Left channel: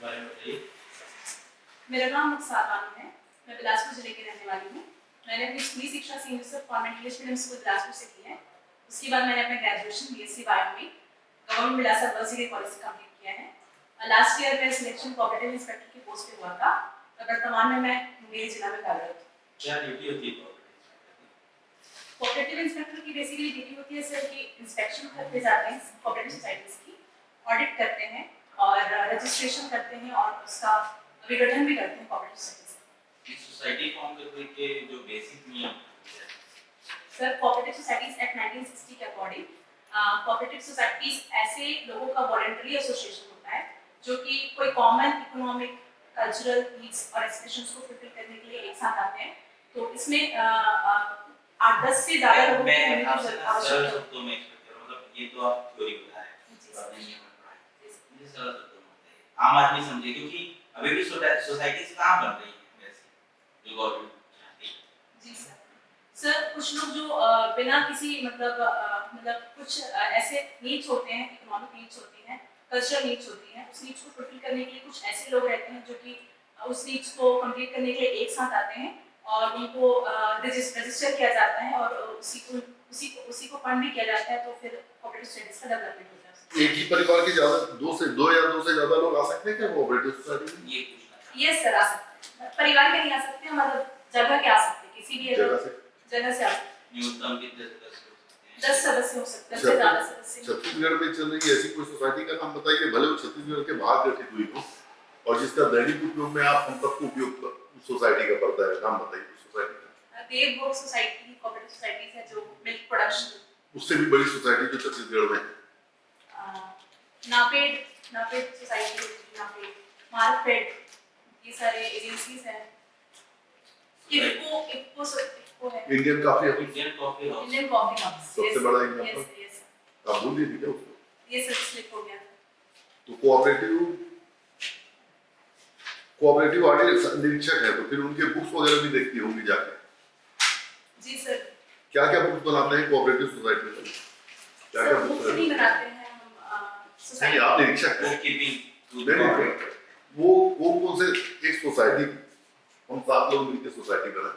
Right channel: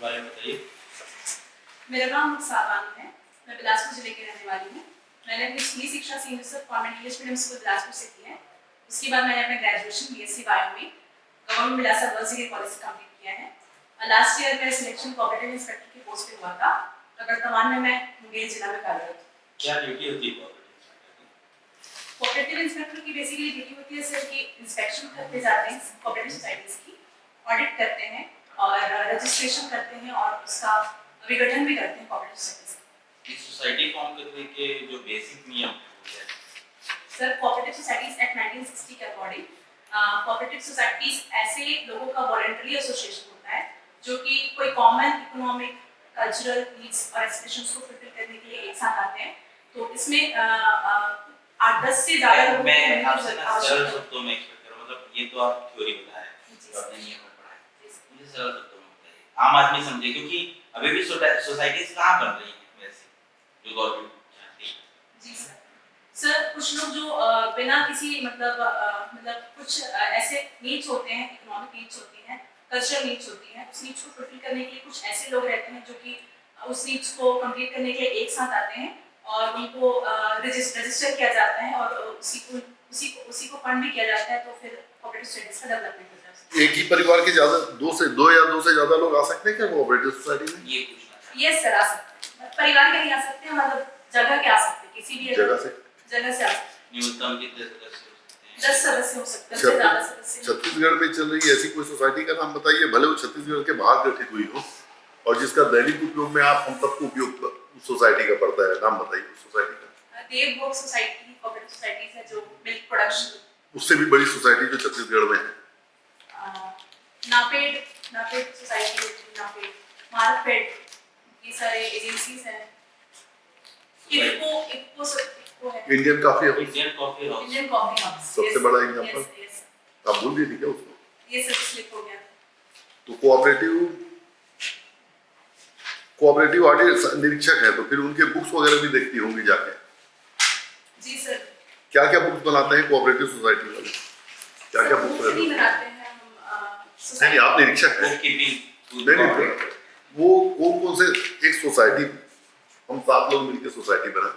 बारे में बताइए। मेरा नाम मुक्तार बानो है। मैं बिलासपुर जिले की रहने वाली हूँ। मैंने अपनी स्कूली शिक्षा Saint Joseph Convent English Medium School Bilaspur से की है। उसके बाद मैंने अपना ग्रेजुएशन बीएससी बायो में government Bilaspur girls degree college से कंप्लीट किया है। लास्ट ईयर मेरा सिलेक्शन कोऑपरेटिव इंस्पेक्टर की पोस्ट पे हुआ था। वर्तमान में मैं मुंगेर जिला में कार्यरत हूँ। क्या ड्यूटी होती है कोऑपरेटिव इंस्पेक्टर की बेसिकली ड्यूटी होती है सर कि इंस्पेक्शन करते जाते हैं कोऑपरेटिव सोसाइटीज की, ऑडिट करते हैं और रजिस्ट्रेशन करते हैं और उसका विघटन भी करते हैं कोऑपरेटिव सोसाइटीज की सोसाइटी फॉर्म करने के जो बेसिक नियम है सर। कोऑपरेटिव सोसाइटीज एक्ट 1960 के अकॉर्डिंग कोऑपरेटिव सोसाइटीज ऐसे लोगों का वॉलंटरी एसोसिएशन होता है जो कि कोई कॉमन इकोनॉमिक कल्चरल नीड्स और एस्पिरेशंस को फुलफिल करने के लिए एक साथ आते हैं। तो इसमें 8-10 से ज्यादा लोगों मैं आपसे सरल शब्दों में मतलब ये तो आप थ्योरी बताया आपने ये पढ़ा है, मुझे सरल शब्दों में बताइए आम आदमी समझे, क्योंकि अभी भी सोसाइटीज कहाँ बन रही है वैसे जो गवर्नमेंट चाहती है। जी सर, कुछ लोग जो बिना किसी मतलब कुछ ऐसे नीड्स होते हैं, इकोनॉमिक नीड्स होती हैं, कल्चरल नीड्स होती हैं, उस नीड्स को फुलफिल करने के लिए कुछ ऐसे लोग रहते हैं जो कि उस नीड्स को कंप्लीट करने के लिए एक साथ आते हैं और उनको रजिस्टर किया जाता है और उसी को फंड भी किया जाता है। तो फिर कोऑपरेटिव सोसाइटीज का डेवलपमेंट होता है। एक ही परिवार के दो या दो से ज्यादा लोग आ सकते हैं क्या कोऑपरेटिव सोसाइटी में? ये पूछना। यस सर, आ सकते हैं। परिवार के नहीं आ सकते हैं, मतलब जगह के आ सकते हैं, किसी भी जगह से आ सकते हैं। न्यूनतम कितने सदस्य हो सकते हैं? 10 सदस्य हो सकते हैं, ज्यादा सदस्य। छत्तीसगढ़ में चल रही ऐसी कोई सोसाइटी का नाम बताइए, भले वो छत्तीसगढ़ के बाहर गठित हुई हो और जिसका दैनिक उपयोग में आप हम सबको उपयोग सोसाइटी का पड़ता है, नाम बताइए सोसाइटी का। देवभोग सोसाइटी कोऑपरेटिव सोसाइटी है जो मिल्क प्रोडक्शन। उससे भी बड़ी सोसाइटी जो छत्तीसगढ़ में है नापेड सोसाइटी, नापेड, मार्कफेड, ये सारे एजेंसीज हैं। इफको है, इंडियन कॉफी हाउस सबसे बड़ा एग्जांपल। आप भूल गए क्या उसको? ये सब स्लिप हो गया। तो कोऑपरेटिव ऑडिट निरीक्षक है तो फिर उनके बुक्स वगैरह भी देखती होंगी जाके। जी सर। क्या क्या बुक्स बनाते हैं कोऑपरेटिव सोसाइटी वाले? क्या क्या बुक्स बनाते हैं हम नहीं, आप निरीक्षक हैं। नहीं, वो कौन से एक सोसाइटी हम 7 लोग मिलकर सोसाइटी बना,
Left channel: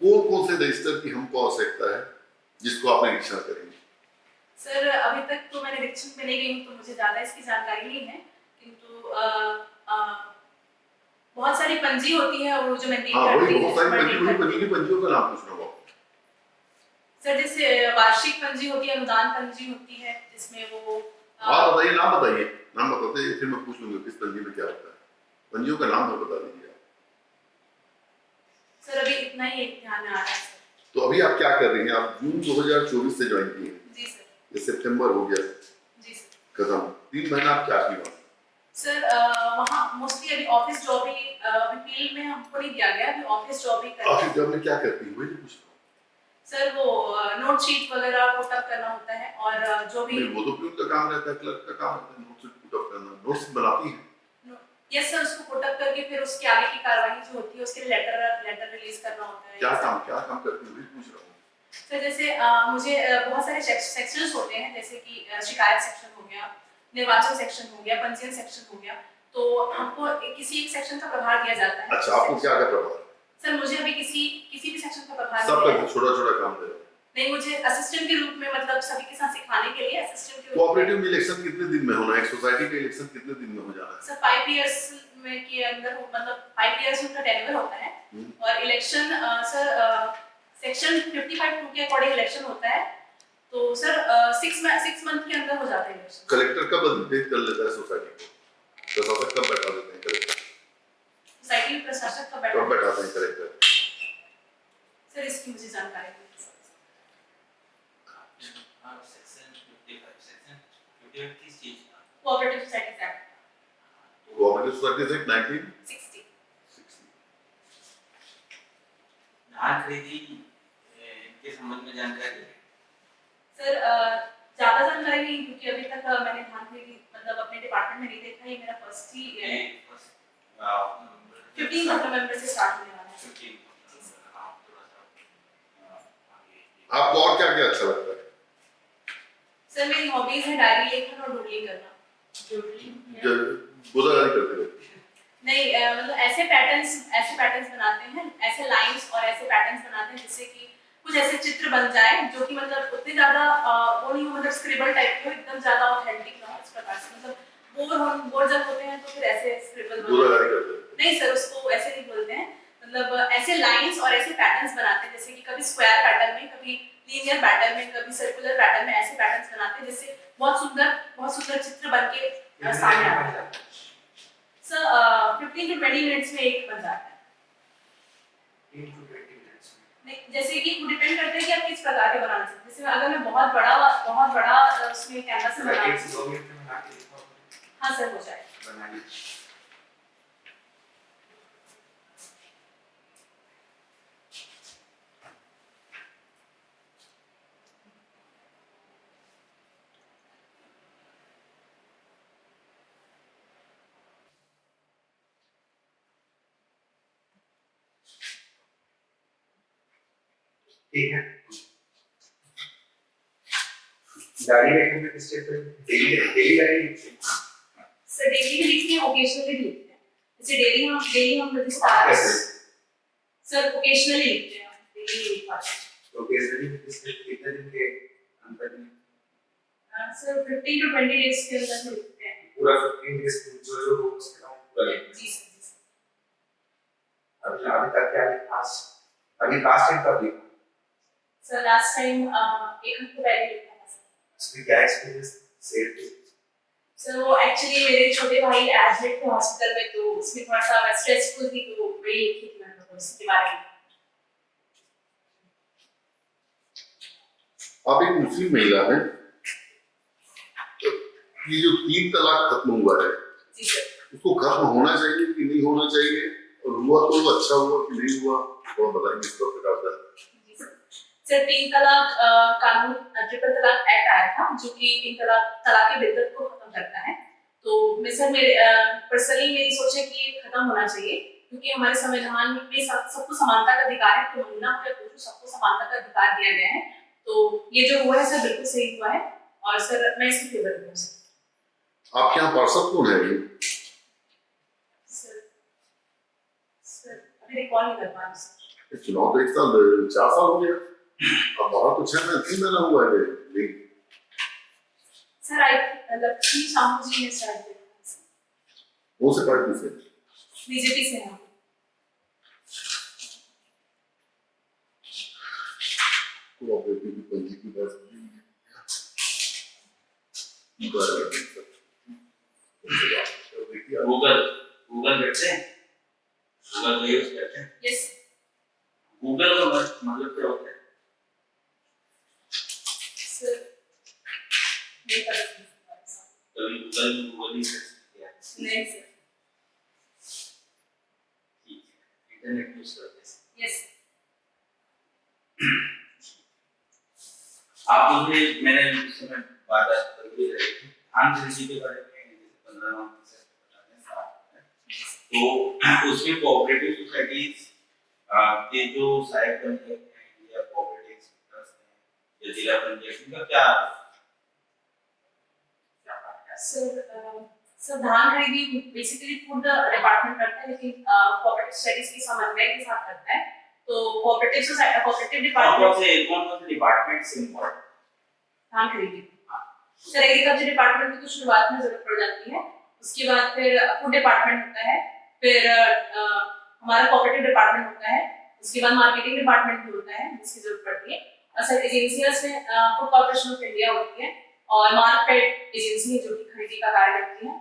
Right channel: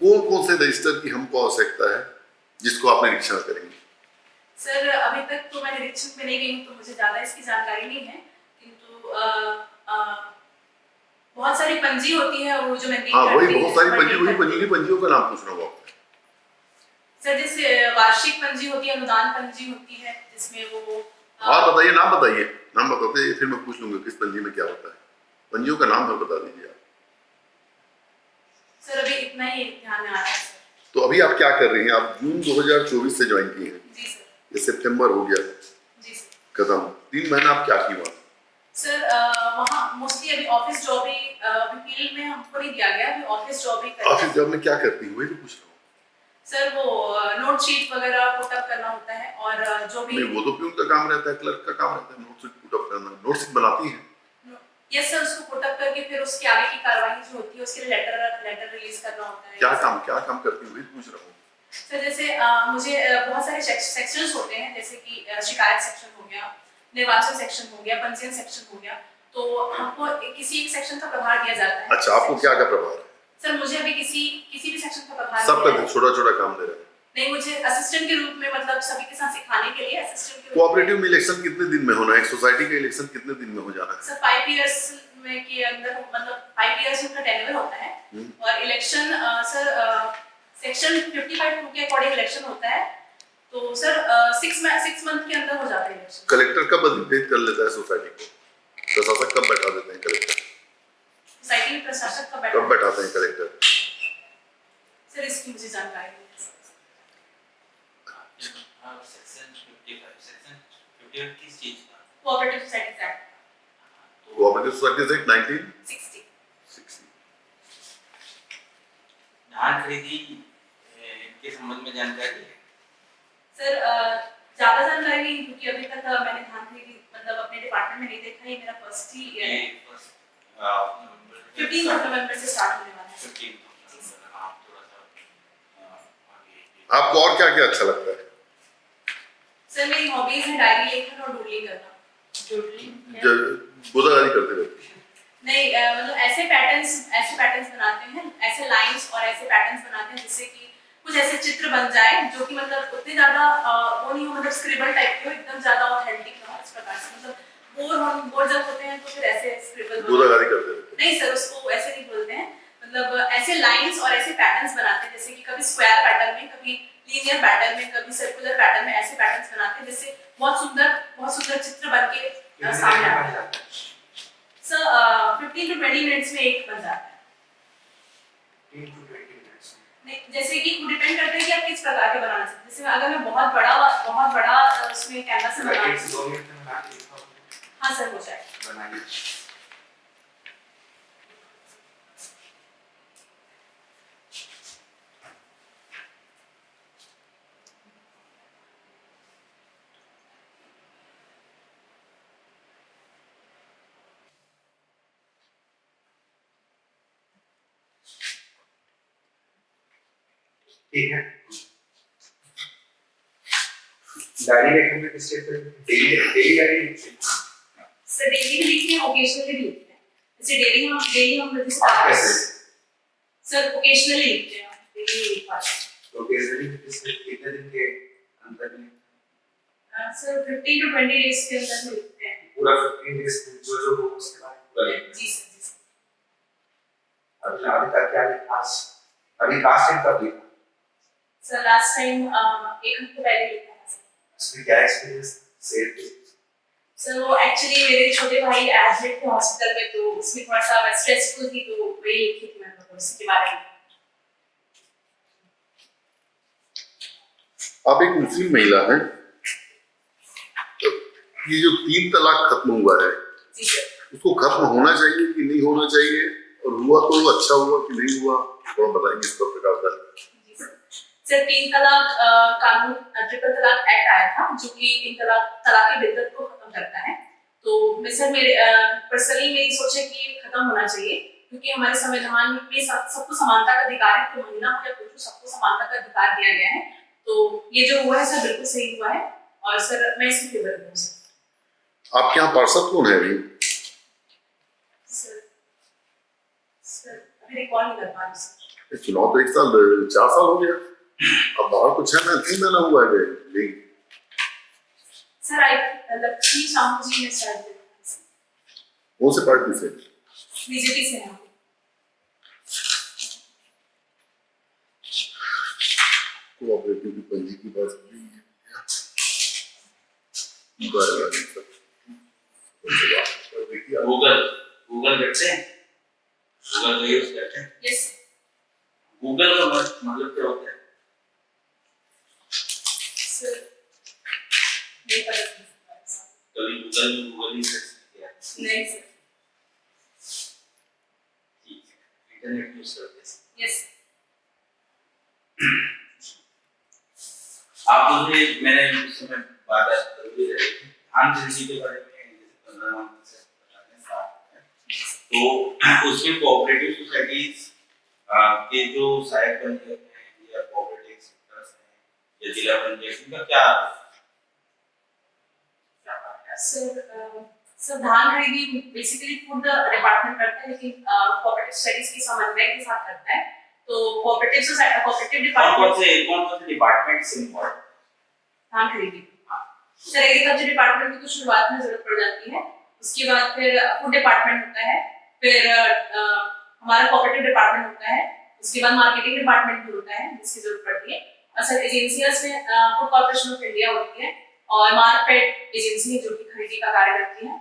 कौन से रजिस्टर की हमको आवश्यकता है जिसको आप निरीक्षण करेंगे? सर अभी तक तो मैं निरीक्षण में नहीं गई हूँ तो मुझे ज्यादा इसकी जानकारी नहीं है, किंतु बहुत सारी पंजी होती है वो जो मेंटेन करती है। वही बहुत सारी पंजी, वही पंजी की पंजियों का नाम पूछ रहा हूँ सर। जैसे वार्षिक पंजी होती है, अनुदान पंजी होती है जिसमें वो बताइए, नाम बताते फिर मैं पूछ लूंगा किस पंजी में क्या होता है। पंजियों का नाम तो बता दीजिए आप। सर अभी इतना ही ध्यान में आ रहा है सर। तो अभी आप क्या कर रही हैं? आप जून 2024 से ज्वाइन की हैं। जी सर। ये सितंबर हो गया। जी सर। खत्म। 3 महीना आप क्या की वहाँ? सर वहाँ मोस्टली अभी ऑफिस जॉब ही, अभी फील्ड में हमको नहीं दिया गया, अभी ऑफिस जॉब ही कर। ऑफिस जॉब में क्या करती हैं वही पूछ रहा हूँ सर। वो नोट शीट वगैरह पुट अप करना होता है और जो भी वो तो प्यून का काम रहता है, क्लर्क का काम रहता है नोट शीट पुट अप करना। नोट शीट बनाती हैं? यस सर, उसको पुट अप करके फिर उसके आगे की कार्रवाई जो होती है उसके लिए लेटर रिलीज करना होता है। क्या काम करती हैं वही पूछ रहा हूँ सर। जैसे मुझे बहुत सारे सेक्शंस होते हैं, जैसे कि शिकायत सेक्शन हो गया, निर्वाचन सेक्शन हो गया, पंजीयन सेक्शन हो गया, तो हमको किसी एक सेक्शन का प्रभार दिया जाता है। अच्छा, आपको क्या प्रभार? सर मुझे अभी किसी भी सेक्शन का प्रभार सबका छोटा काम दे रहे हैं। नहीं, मुझे असिस्टेंट के रूप में, मतलब सभी के साथ सिखाने के लिए असिस्टेंट के रूप में। कोऑपरेटिव में इलेक्शन कितने दिन में होना है? एक सोसाइटी का इलेक्शन कितने दिन में हो जाना है? सर 5 इयर्स में के अंदर, मतलब 5 इयर्स में टेन्योर होता है और इलेक्शन सर सेक्शन 55(2) के अकॉर्डिंग इलेक्शन होता है। तो सर 6 मंथ के अंदर हो जाता है इलेक्शन। कलेक्टर कब अधिकृत कर लेता है सोसाइटी को? प्रशासक कब बैठा देते हैं कलेक्टर? सोसाइटी में प्रशासक कब बैठाते हैं कलेक्टर? सर इसकी मुझे जानकारी नहीं है। किस चीज का? Cooperative societies act. Cooperative societies act 1960। धान खरीदी के संबंध में जानकारी है? सर ज्यादा जानकारी नहीं, क्योंकि अभी तक मैंने धान खरीदी मतलब अपने डिपार्टमेंट में नहीं देखा। ये मेरा फर्स्ट ही ईयर है। 15 नवंबर से स्टार्ट होने वाला है। आपको और क्या अच्छा लगता है? सर मेरी हॉबीज है डायरी लेखन और डूडलिंग करना। गोदागारी करते रहते हैं। नहीं मतलब ऐसे पैटर्न्स बनाते हैं, ऐसे लाइंस और ऐसे पैटर्न्स बनाते हैं जिससे कि कुछ ऐसे चित्र बन जाए जो कि मतलब उतने ज्यादा वो नहीं हो, मतलब स्क्रिबल टाइप के हो, एकदम ज्यादा ऑथेंटिक ना हो, इस प्रकार से मतलब बोर जब होते हैं तो फिर ऐसे स्क्रिबल गोदागारी करते हैं। नहीं सर, उसको ऐसे नहीं बोलते हैं, मतलब ऐसे लाइंस और ऐसे पैटर्न्स बनाते हैं जैसे कि कभी स्क्वायर पैटर्न में, कभी लीनियर पैटर्न में, कभी सर्कुलर पैटर्न में, ऐसे पैटर्न्स बनाते हैं जिससे बहुत सुंदर चित्र बन के सामने आता है। सर 15 to 20 मिनट्स में एक बन जाता है। नहीं, जैसे कि डिपेंड करता है कि आप किस प्रकार के बनाना चाहते हैं। जैसे अगर मैं बहुत बड़ा उसमें कैनवास से बनाना, हाँ सर हो जाएगा। ठीक है। डायरी लिखने में किस टाइप पे डेली डायरी लिखते हैं? सर डेली भी लिखते हैं, ओकेजनली भी लिखते हैं। जैसे डेली हम रजिस्टर सर ओकेजनली लिखते हैं, डेली नहीं लिख पाते। ओकेजनली कितने दिन के अंतर में? सर 15 to 20 डेज के अंदर लिखते हैं। पूरा 15 डेज जो हो उसके बाद पूरा लिखते जी सर, जी सर। अभी तक क्या लिखा? अभी लास्ट टाइम कब लिखा? सर लास्ट टाइम 1 हफ्ते पहले लिखा था सर। उसमें क्या एक्सपीरियंस शेयर किया? सर वो एक्चुअली मेरे छोटे भाई एडमिट थे हॉस्पिटल में, तो उसमें थोड़ा सा मैं स्ट्रेसफुल थी, तो वही लिखी थी मैं, तो उसके बारे में। आप एक मुस्लिम महिला हैं, तो ये जो 3 तलाक खत्म हुआ है, जी सर। उसको खत्म होना चाहिए कि नहीं होना चाहिए, और हुआ तो वो अच्छा हुआ कि नहीं हुआ, थोड़ा बताएंगे इस पर प्रकाश डालें। जी सर। सर 3 तलाक कानून, ट्रिपल तलाक एक्ट आया था जो कि 3 तलाक की बिद्दत को खत्म करता है। तो मैं सर मेरे पर्सनली मेरी सोच है कि ये खत्म होना चाहिए, क्योंकि हमारे संविधान में सबको समानता का अधिकार है, तो महिला हो या पुरुष सबको समानता का अधिकार दिया गया है। तो ये जो हुआ है सर बिल्कुल सही हुआ है, और सर मैं इसकी फेवर हूँ सर। आपके यहाँ पार्षद कौन है अभी? सर अभी रिकॉल नहीं कर पा रही सर। चुनाव तो 4 साल हो गया, अब बाहर कुछ है ना, 3 महीना हुआ है नहीं। सर आई लक्ष्मी साहू जी ने स्टार्ट किया सर। कौन से पार्टी से? बीजेपी से हैं। कोऑपरेटिव की पंजी की बात नहीं है। गूगल करते हैं, गूगल का यूज करते हैं। यस। गूगल का मतलब क्या होता है? सर नहीं पता कभी गूगल ही सर्च किया? नहीं सर। ठीक है, इंटरनेट यूज करते हैं। यस। आप मुझे मैंने उस समय बात कर भी रही थी आंध्र के बारे में, जैसे 15 से बताने साथ, तो उसमें कोऑपरेटिव सोसाइटीज के जो सहायक पंचायत हैं या कोऑपरेटिव सेक्टर्स हैं या जिला पंचायत का क्या सर धान खरीदी बेसिकली फूड डिपार्टमेंट करता है, लेकिन कोऑपरेटिव सोसाइटीज की समन्वय के साथ करता है। तो कोऑपरेटिव डिपार्टमेंट कौन से डिपार्टमेंट से इंपॉर्टेंट धान खरीदी? सर एग्रीकल्चर डिपार्टमेंट की तो शुरुआत में जरूरत पड़ जाती है, उसके बाद फिर फूड डिपार्टमेंट होता है, फिर हमारा कोऑपरेटिव डिपार्टमेंट होता है, उसके बाद मार्केटिंग डिपार्टमेंट भी होता है जिसकी जरूरत पड़ती है। और सर एजेंसियां में फूड कॉर्पोरेशन ऑफ इंडिया होती है और मार्केट एजेंसी है जो कि खरीदी का कार्य करती है।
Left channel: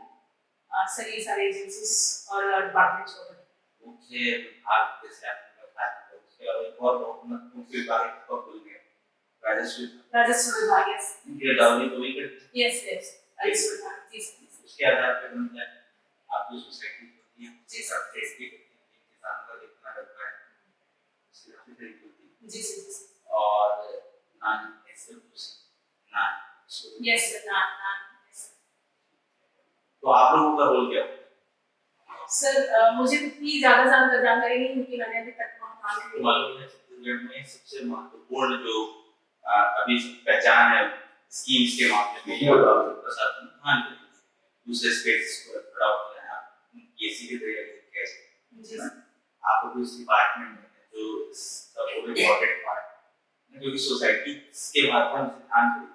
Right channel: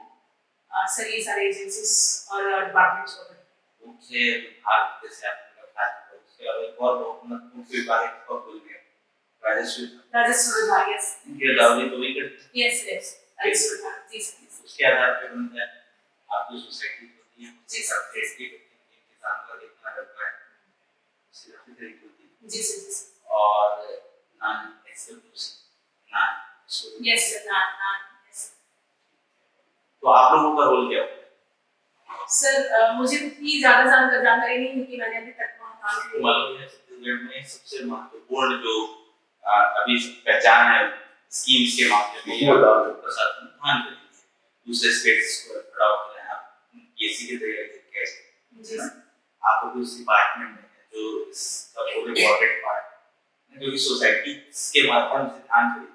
सर ये सारे एजेंसीज और डिपार्टमेंट्स होते हैं। मुझे भारत जैसे आपने बताया उसके अलावा एक और बहुत मुख्य विभाग है को बोल दिया राजस्व विभाग। यस ये दावे तो भी करते हैं। यस राजस्व विभाग। जी सर। उसके आधार पर बनता है आप जो सोसाइटी होती है जी सब टेस्ट की किसान का इतना करता है उसकी काफी तरीके होती है। जी सर। और none except none yes sir none. तो आप लोगों का रोल क्या होता है? सर मुझे उतनी ज्यादा जानकारी नहीं, क्योंकि मैंने अभी तक वहाँ मालूम है छत्तीसगढ़ में सबसे महत्वपूर्ण जो अभी पहचान है स्कीम्स के माध्यम उसको बता दो। प्रशासन ध्यान दें दूसरे स्टेट्स को खड़ा होकर हैं आप केसी के जरिए कैसे जी सर आपको भी उस डिपार्टमेंट में है जो इसका पूरे इम्पोर्टेंट पार्ट है जो कि सोसाइटी के माध्यम से ध्यान दें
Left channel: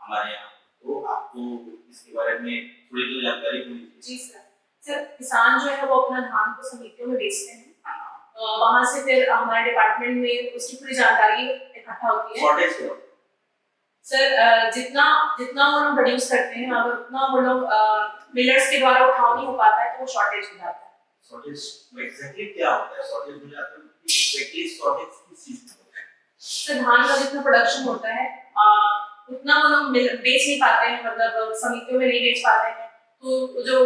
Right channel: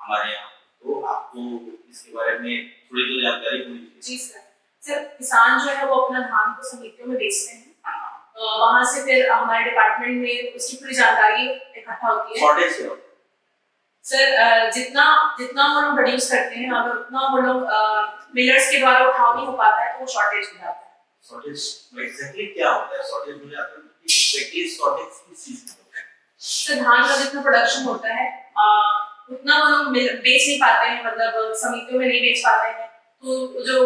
हमारे यहाँ तो आपको इसके बारे में थोड़ी तो जानकारी होनी चाहिए। जी सर किसान जो है वो अपना धान को समितियों में बेचते हैं हाँ, वहां से फिर हमारे डिपार्टमेंट में उसकी पूरी जानकारी इकट्ठा होती है शॉर्टेज क्या होता है? सर जितना जितना वो लोग प्रोड्यूस करते हैं अगर उतना वो लोग मिलर्स के द्वारा उठाव नहीं हो पाता है तो वो शॉर्टेज हो जाता है शॉर्टेज एग्जैक्टली क्या होता है शॉर्टेज हो जाता है एग्जैक्टली शॉर्टेज किस चीज में होता है? सर धान का जितना प्रोडक्शन होता है उतना वो लोग बेच नहीं पाते हैं मतलब समितियों में नहीं बेच पाते हैं तो जो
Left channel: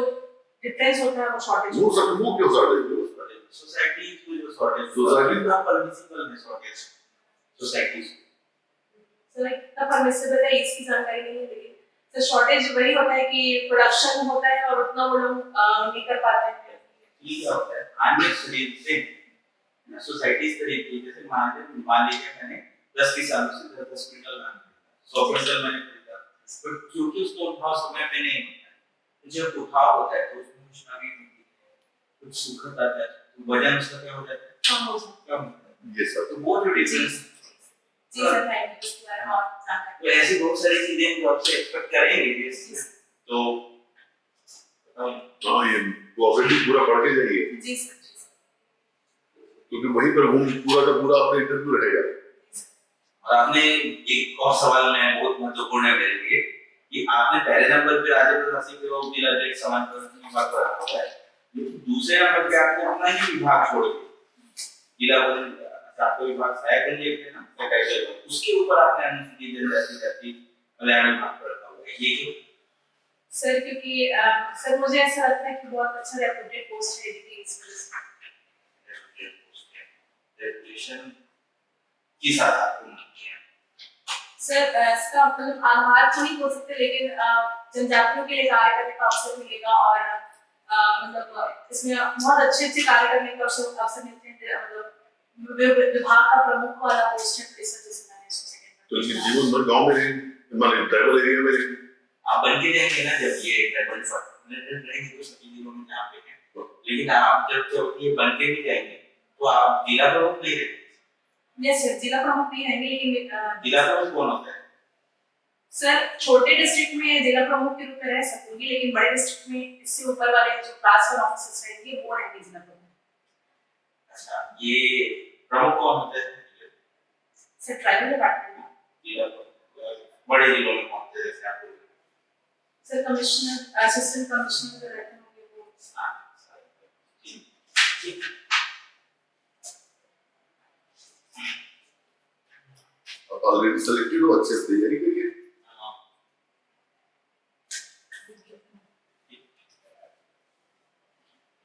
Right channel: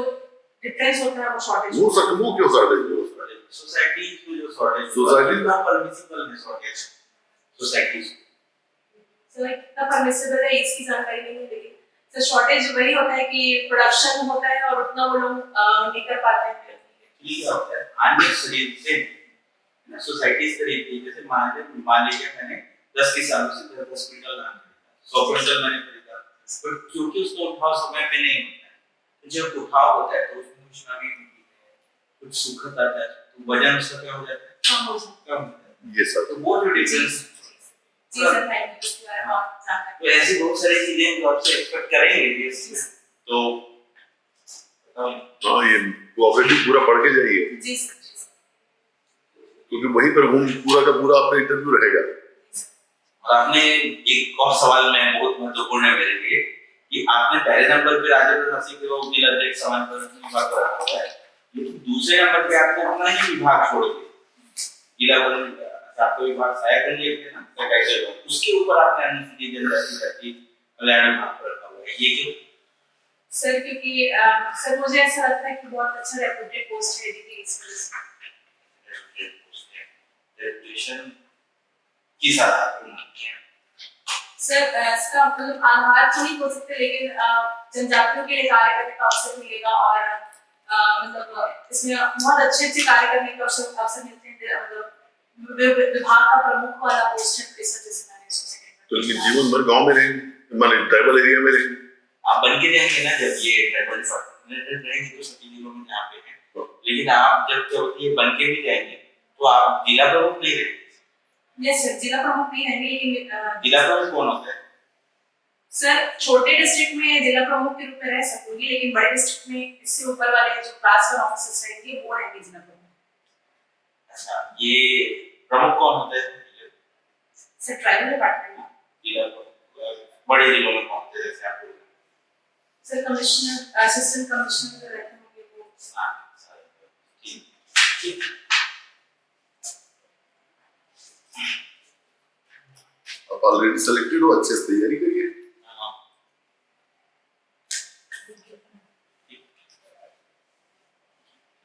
डिफरेंस होता है वो शॉर्टेज वो सर वो क्यों शॉर्टेज हो सोसाइटी की जो शॉर्टेज Society- का परमिसिबल है शॉर्टेज सोसाइटी सर कितना परमिसिबल है इसकी जानकारी नहीं है लेकिन सर शॉर्टेज वही होता है कि प्रोडक्शन होता है और उतना वो लोग नहीं कर पाते हैं ठीक होता है अन्य शरीर से ना सोसाइटीज के लिए जैसे मान लीजिए मैंने 10 की सालों से 10 क्विंटल धान 100 क्विंटल मैंने खरीदा पर क्योंकि उसको उठाव समय पे नहीं होता है जब उठाव होता है तो उसमें कुछ नमी होती है कुछ सूखा आता है तो वजन उसका क्या हो जाता है कम हो जाता कम होता है ये सब तो वो जो है डिफरेंस जी सर थैंक यू इसके बारे में और जानकारी तो ऐसी बहुत सारी चीजें हम आपसे एक्सपेक्ट करेंगे ये तो हाँ ये कोऑपरेटिव पूरा पढ़ के जाइए जी सर क्योंकि वहीं पर वो पूरा का पूरा आपका इंटरव्यू रहेगा। और आपने एक और सवाल में बहुत महत्वपूर्ण है मेरे लिए कि आपने पहले नंबर पे राज्य प्रशासन के वो जिला अध्यक्ष समान प्रशासन विभाग को रखा हुआ है लेकिन दूसरे नंबर पे आपने अपना ही विभाग छोड़ दिया जिला आपका विभाग सहायक लेते हैं ना कैसे उसके ऊपर आपने अनुसूचित जनजाति जाति कल्याण विभाग को रखा हुआ है ये क्यों सर क्योंकि सर मुझे ऐसा लगता है कि बहुत अच्छा रेपुटेड पोस्ट है एजुकेशन रेपुटेशन किस आधार पर सर इसका मतलब आधार तो नहीं हो सकते लेकिन जनजातियों के लिए कार्य करने का अवसर मिलेगा और मतलब इसमें बहुत अच्छे अच्छे कार्य करने के अवसर मिलते हैं मतलब विभाग का प्रमुख वाला पोस्ट है इस वजह से मैंने सोचा तो इनके जीवन भर गांव में रहेंगे मान ट्राइबल एरिया में रहेंगे आप बन के जाएंगे ना जब ये ट्राइबल डिपार्टमेंट रहेंगे तो सभी जिलों में जहाँ पे हैं लेकिन आप जब ये बन के भी जाएंगे तो आप जिला प्रमुख नहीं रहेंगे यस सर जिला प्रमुख नहीं रहेंगे लेकिन जिला प्रमुख कौन होता है सर छोटे डिस्ट्रिक्ट में जिला प्रमुख के रूप में रह सकूंगी लेकिन बड़े डिस्ट्रिक्ट में इससे ऊपर वाले जो क्लास 1 ऑफिसर्स रहेंगे वो रहेंगे जिला प्रमुख अच्छा ये प्रमुख कौन होता है सर ट्राइबल डिपार्टमेंट में जिला प्रमुख बड़े जिलों में कौन होते हैं जैसे आप सर कमिश्नर असिस्टेंट कमिश्नर जो रहते होंगे वो ठीक आप ऑलरेडी सिलेक्टेड हो अच्छे से तैयारी करिए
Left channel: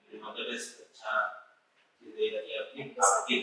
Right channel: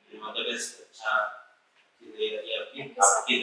मतलब अच्छा आपकी